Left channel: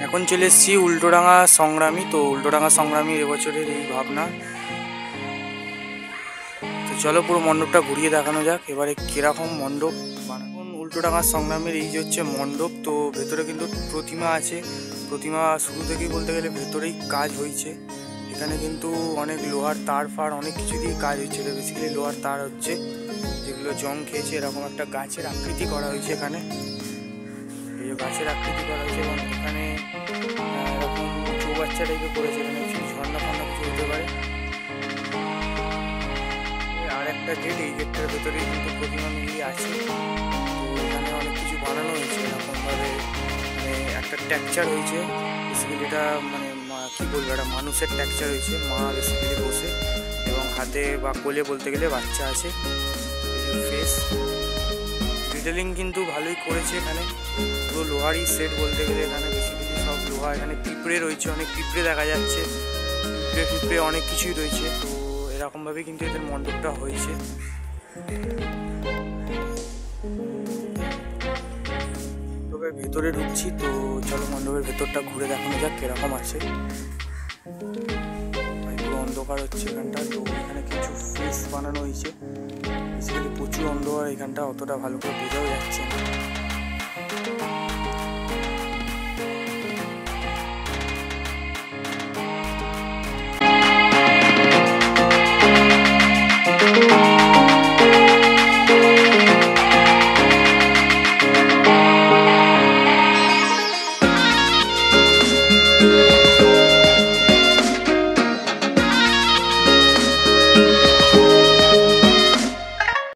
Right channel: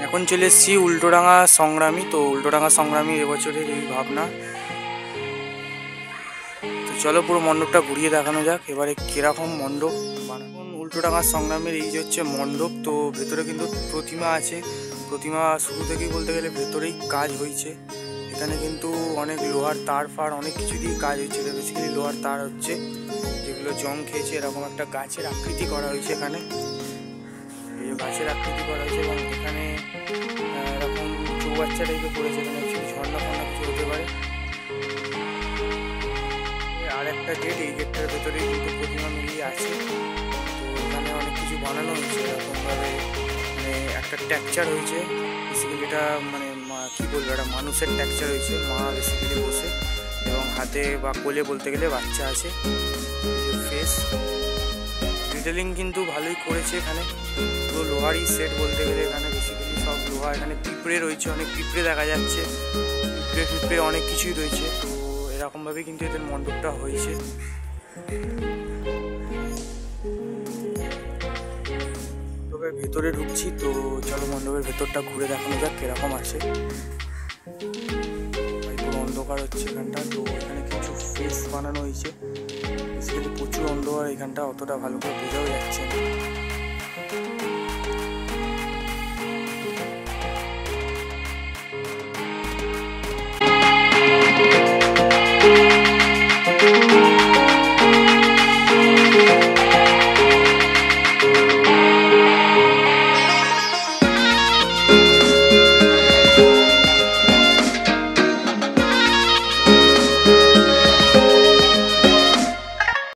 এখন চলে এসেছি উল্টোডাঙা সংগ্রামী। তো উল্টোডাঙা সংগ্রামী এবছরের এই ভাবনা। তো চলো পুরো মণ্ডপটা ঘুরিয়ে দেখানো যাক এবারে কিরকম মণ্ডপ বানানো। উল্টোডাঙা সংগ্রামের এই যে হচ্ছে মণ্ডপ। তো ভেতরে কিন্তু প্রতিমা আছে। প্রতিমা শুরু থেকেই বলতে গেলে ভেতরেই কাজ হয়েছে। এখানে কিন্তু অনেক লোহার তার ফার অনেক কিছু দিয়েই কাজ হচ্ছে। এটা বেসিক্যালি লোহার তার হচ্ছে, যেগুলো জং খেয়েছে। এরকম একটা গাছের আকৃতি করা হয়েছে এখানে, এই যে গাছের আকৃতি করা হয়েছে। এবং এখানে এরকম চৌবাচ্চা টাইপের করেছে। এখানে অ্যাকচুয়ালি ঝর্ণা ফর্ণা কিছু হতে পারে। আর একটা গেট, এই গেটটার ভেতরেই কিন্তু প্রতিমা মিলিয়ে আছে। তো এখানে অনেক কিছু বানানো হয়েছে এরকমভাবে, মানে একটা টেক্সচার হয়েছে বেসিক্যালি। এটা মানে কী বলবো, একটা মানুষের টেক্সচার হয়েছে, মা বেসিক্যালি বসে এবং হাতে বা কোলে বলতে গেলে বাচ্চা আছে। এই যে ফেস ডিটেলিং কিন্তু ভালোই করেছে। এখানে পুরো লোহারই সেট বলতে গেলে। এখানে বেসিক্যালি সব লোহা। এখানে পিঁপড়ে রয়েছে, অনেক পিঁপড়ে দেখা যাচ্ছে। পিঁপড়ে অনেক কিছুই রয়েছে। তো এরকমভাবে কিন্তু এদের মণ্ডপটা হয়েছে। তবে ভেতরে ঢুকছি, তো চলো মণ্ডপের ভেতরটা ঘুরে দেখানো যাক কিরকম আছে। পুরো অন্ধকার হচ্ছে এখানটা। তো এখানে কিছু ফেস বানানো হয়েছে বেসিক্যালি। প্রচুর অন্ধকার এখানটা, অতটা ভালো করে বোঝাও যাচ্ছে না।